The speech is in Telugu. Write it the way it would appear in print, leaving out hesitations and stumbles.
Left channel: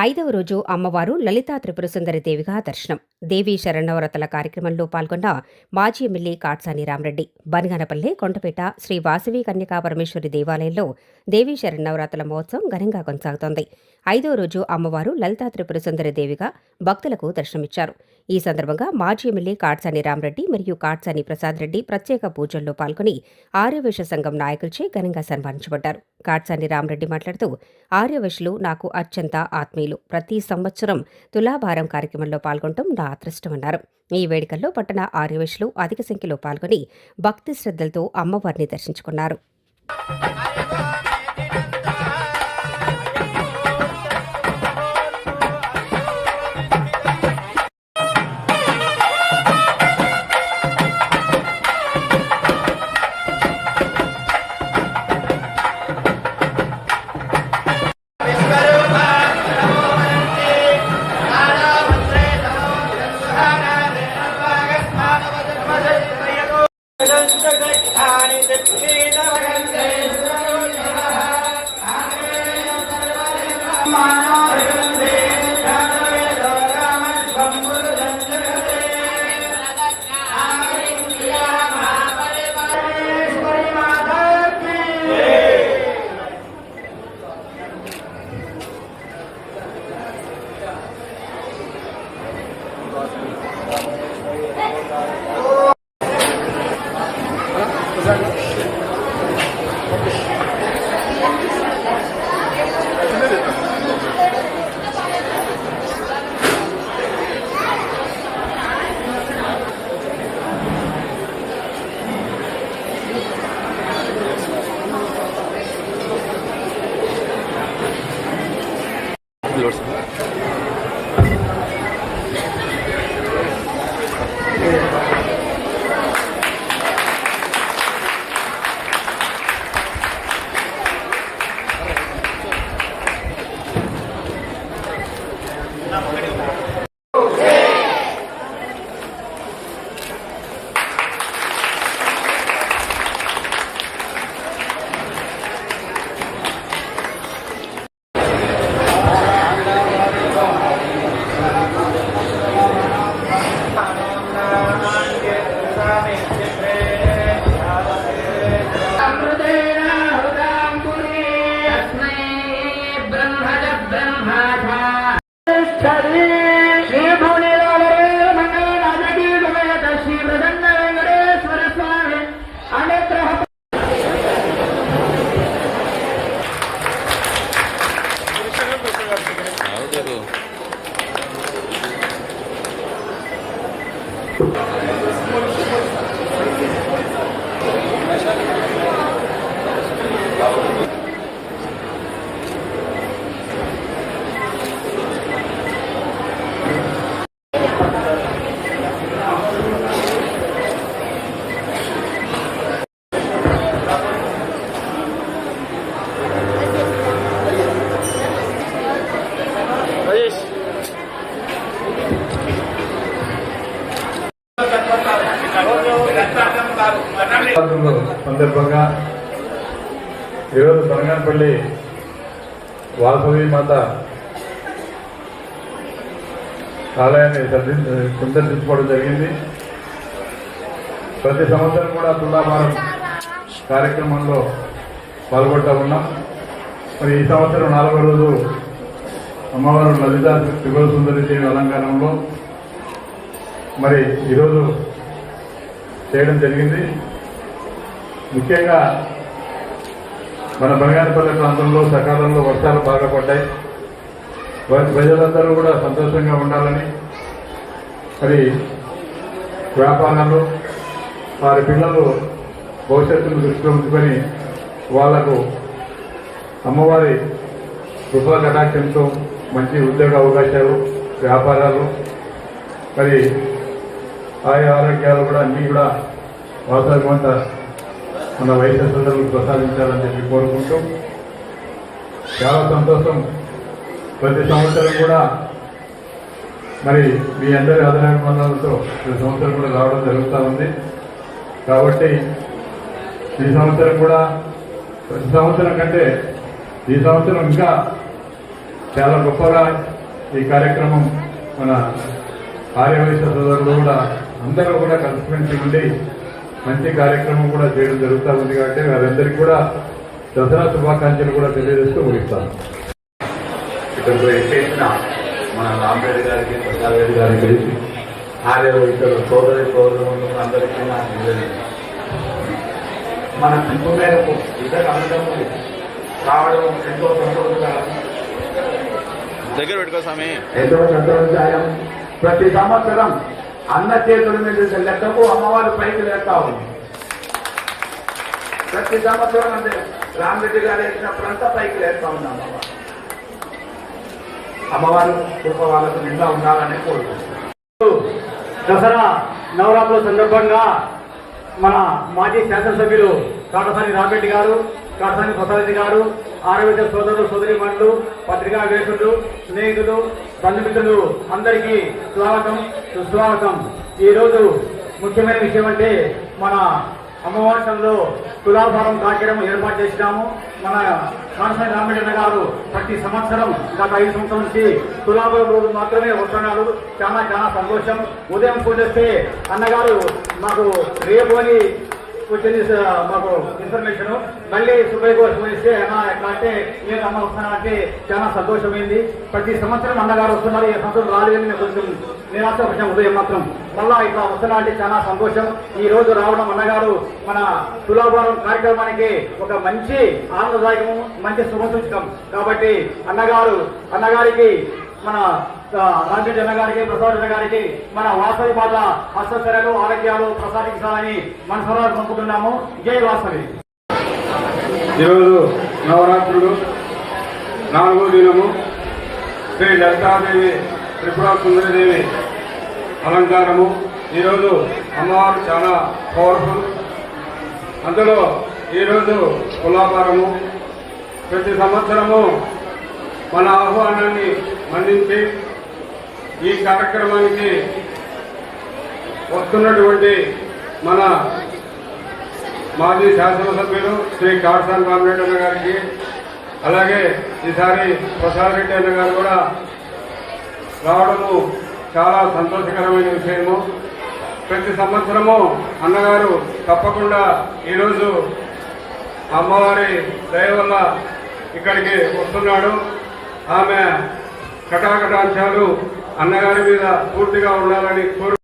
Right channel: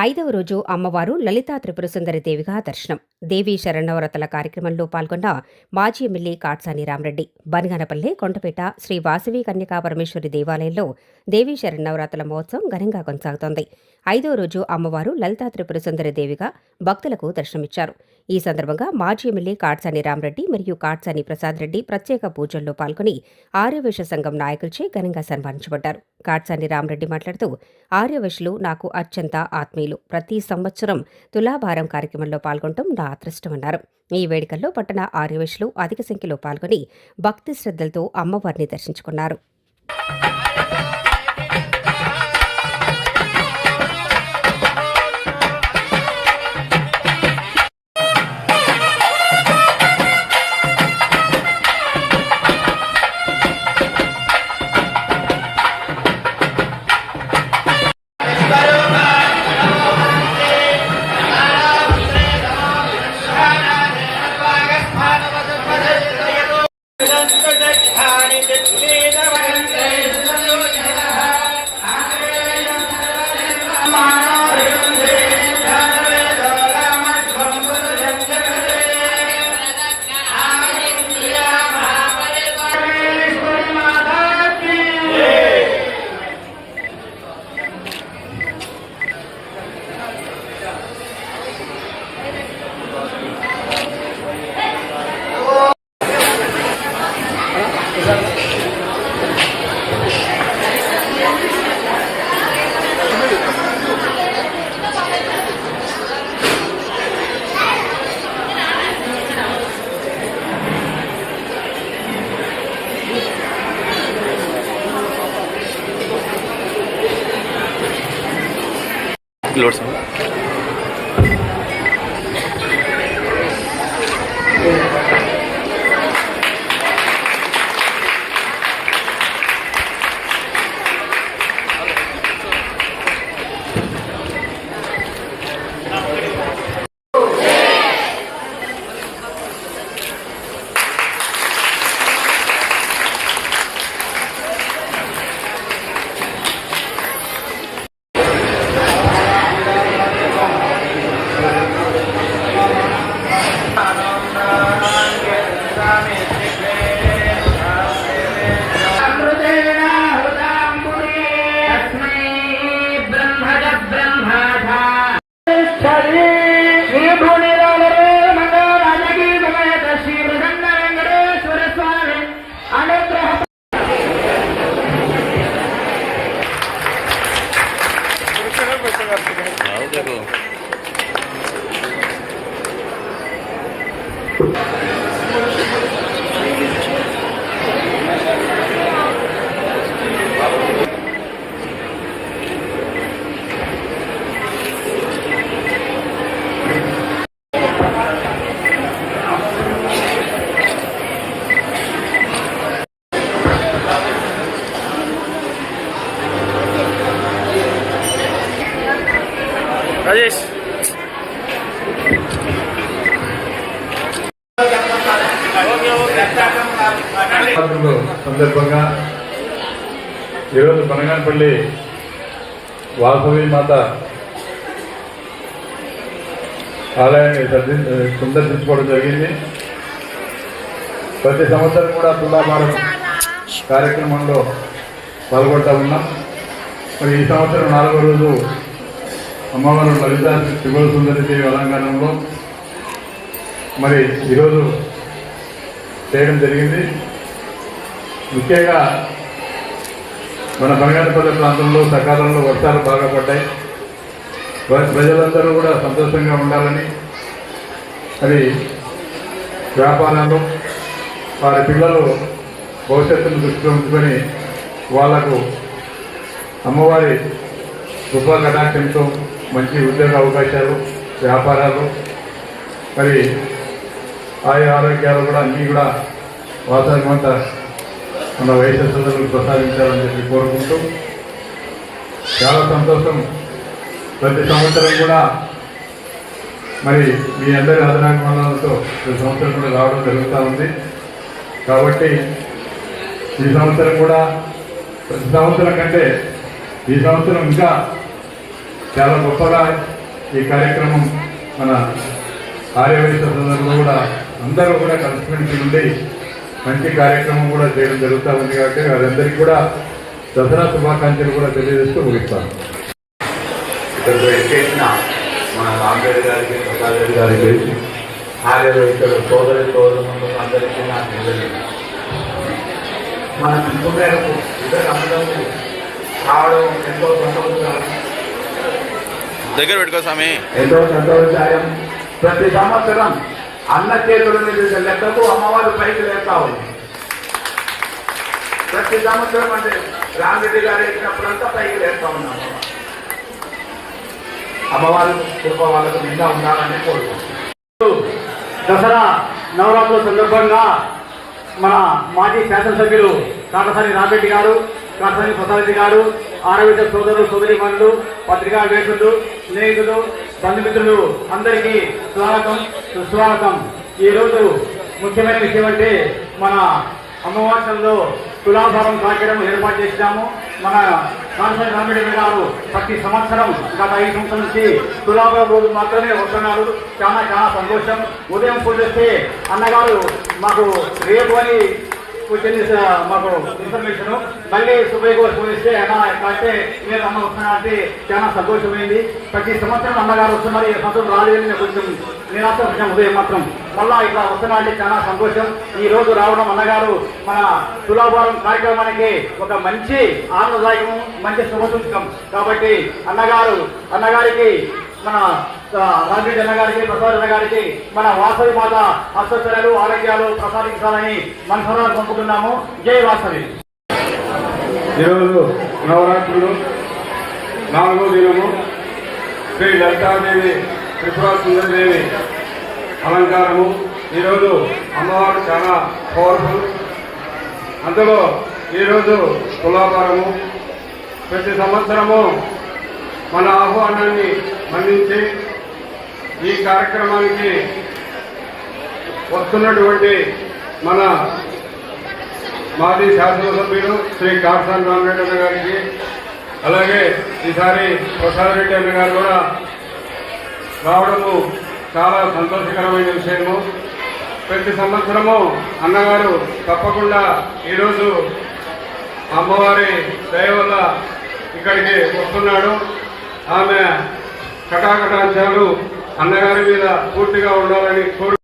ఐదవ రోజు అమ్మవారు లలితా త్రిపుర సుందరి దేవిగా దర్శనం. దేవీ శరణవరతల కార్యక్రమంలో పాల్గొన్న మాజీ ఎమ్మెల్యే కాట్సాని రామరెడ్డి. బనగానపల్లె, కొండపేట శ్రీ వాసవి కన్యకా పరమేశ్వరి దేవాలయంలో దేవీ శరణవరాత్రుల మహోత్సవం ఘనంగా కొనసాగుతోంది. ఐదవ రోజు అమ్మవారు లలితా త్రిపుర సుందరి దేవిగా భక్తులకు దర్శనమిచ్చారు. ఈ సందర్భంగా మాజీ ఎమ్మెల్యే కాట్సాని రామరెడ్డి మరియు కాట్సాని ప్రసాద్ రెడ్డి ప్రత్యేక పూజల్లో పాల్గొని ఆర్యవైశ్య సంఘం నాయకులచే ఘనంగా సన్మానించబడ్డారు. కాట్సాని రామరెడ్డి మాట్లాడుతూ, ఆర్యవైశ్యులు నాకు అత్యంత ఆత్మీయులు. ప్రతి సంవత్సరం తులాభారం కార్యక్రమంలో పాల్గొనడం నా అదృష్టమన్నారు. ఈ వేడుకల్లో పట్టణ ఆర్యవైశ్యులు అధిక సంఖ్యలో పాల్గొని భక్తి శ్రద్ధలతో అమ్మవారిని దర్శించుకున్నారు. Lords. సందర్భంగా ఈరోజు బనగానపల్లి వాసవి మాత ఆలయాన్ని సందర్శించుకోవడం జరిగింది. ప్రతి సంవత్సరం కూడా తులాభారం కార్యక్రమంలో పాల్గొంటూ ఉన్నాం. మరి ఈ సంవత్సరం 4వ రోజు అమ్మవారు లలితా త్రిపుర సుందరి దేవి అలంకారంలో మరి ఈరోజు చేయడం జరిగింది. ముఖ్యంగా మన బనగానపల్లి ప్రాంతంలో సకాలంలో వర్షాలు బాగా పడ్డాయి. ప్రజలందరూ కూడా సంతోషంగా ఉండాలని, మరి వ్యాపారాలు వారి పిల్లలు భవిష్యత్తును దృష్టిలో ఉంచుకొని వాళ్లకు అమ్మవారి కృపా కటాక్షంతో మంచి ఉద్యోగ అవకాశాలు, వ్యాపారాలు, మరి ఆరోగ్యాలు కూడా అన్నీ కూడా వాసవంత మన వైద్య సోదరులకు ప్రసాదించాలని చెప్పి కోరుకుంటూ చాలా సంతోషం. ప్రతి సంవత్సరం కూడా మరి మీ అందరి ఆదరాభిమానాలతో ప్రతి సంవత్సరం కూడా రావడం జరుగుతూ ఉంది. కాబట్టి ఈ సంవత్సరం కూడా ప్రతి సంవత్సరం కంటే ఈ సంవత్సరం ఇంకా చాలా గొప్పగా ఈ కార్యక్రమం మన ఆర్యవైశ్య సోదరులు కూడా అందరూ కూడా కలిసిమెలిసి ఉండి మంచి కార్యక్రమం కూడా చేయడం జరుగుతూ ఉంది కాబట్టి వాళ్ళందరికీ కూడా దసరా శుభాకాంక్షలు కూడా తెలియజేస్తూ ముగిస్తాను. ఇక్కడ చేసిన మన రామరెడ్డి గారికి ప్రసాద్ రెడ్డి గారికి ఆర్యవైశ్యులు సోదరులు అందరికీ నాకు తెలియదు. మన పిలుపు మేరకు ఇద్దరు అందరూ రావడం ఎంతో సంతోషంగా దగ్గర పెట్టుకో స్వామి. ఎంతో సంతోషదాయం. ప్రతి సంవత్సరం అన్న చేతుల మీద లెక్కకు అమ్మవారు పైకి లేస్తా ఉంది. ప్రతి సంవత్సరం అంటే రామరెడ్డి గారు ఎక్కినప్పుడంతా పైకి లేస్తా ఉన్నాం. అమ్మవారు కృప వాళ్ళకు నిండా ఉండాలని కోరుకుంటున్నాం. దసరా నవరాత్రుల సందర్భంగా మన మాజీ శాసనసభ్యులు కాటసాని రామరెడ్డి గారు, కాటసాని ప్రసాద్ రెడ్డి గారు, ఆరోగ్య సోదరులు సోదరిమణులు, పత్రికా వేసులు, స్నేహితులు, బంధుమిత్రులు అందరికీ స్వాగతం సుస్వాగతం. ఈరోజు ముఖ్యమైన విషయం అంటే మన అమ్మవాసంలో తులాభారం కార్యక్రమం ఏర్పాటు చేసినాము. మన కాటసాని రామరెడ్డి గారు ప్రతి సంవత్సరం గత 5 సంవత్సరాల నుంచి తులాభారం రోజు మాత్రమే వస్తున్నారు. చాలా చాలా సంతోషం. ఉదయం పూజ చేస్తే అన్నగారు మాకు రేపు అని వచ్చింది మాకు ఇన్ఫర్మేషన్. మళ్ళీ సుబ్బయ్య గారు ఫోన్ ఇస్తే అన్న ఎట్లా నేను అన్న వస్తున్నానంటే చాలా సంతోషమైంది. ప్రతి సంవత్సరం అన్నగారు వస్తున్నారు. ఈ సంవత్సరం రాలేదని కొంచెం నిరాశ వచ్చాం. ఉదయం మాత్రం మళ్ళా ఇట్లా వస్తున్నా అంటే చాలా సంతోషం. ఈ రోజు రావడం అన్నగారు మన తులాభారం కార్యక్రమానికి ఒక మంచి ఆనందదాయకం, మంచి శుభసూచకం. కాబట్టి అన్నగారికి మన రామరెడ్డి అన్న గారికి, ప్రసాద్ అన్న గారికి మన వాసవి మాత అష్టచర్యలు ఆరోగ్యాలు ప్రసాదించాలని మనసారా పంపుతున్నాము. జై వాసవి. ఈరోజు నవరాత్రులు 4వ దినము శ్రీ లలితాదేవి త్రిపురా సుందరీదేవి అలంకారము. ఈరోజు అమ్మవారు చాలా పవర్ఫుల్. అందులో ఈరోజు తులాభారము. ప్రతి సంవత్సరము మన ఆహ్వానాన్ని మన్నించి ఈ కార్యక్రమానికి వస్తున్నటువంటి మన మాజీ శాసనసభ్యులు శ్రీ కాటసాని రామరెడ్డి అన్న గారికి, అలాగే ఈసారి ప్రసాద్ రెడ్డి అన్న గారు కూడా రావడము చాలా సంతోషకరమైన విషయము. ప్రతి సంవత్సరము అన్నగారు తప్పకుండా ఈరోజు అమ్మవారి దయ వల్ల ఇక్కడికి వస్తున్నాడు. ఆమె కటాకటాంశాలు అన్నగారి మీద పూర్తిగా ఉండాలని కోరు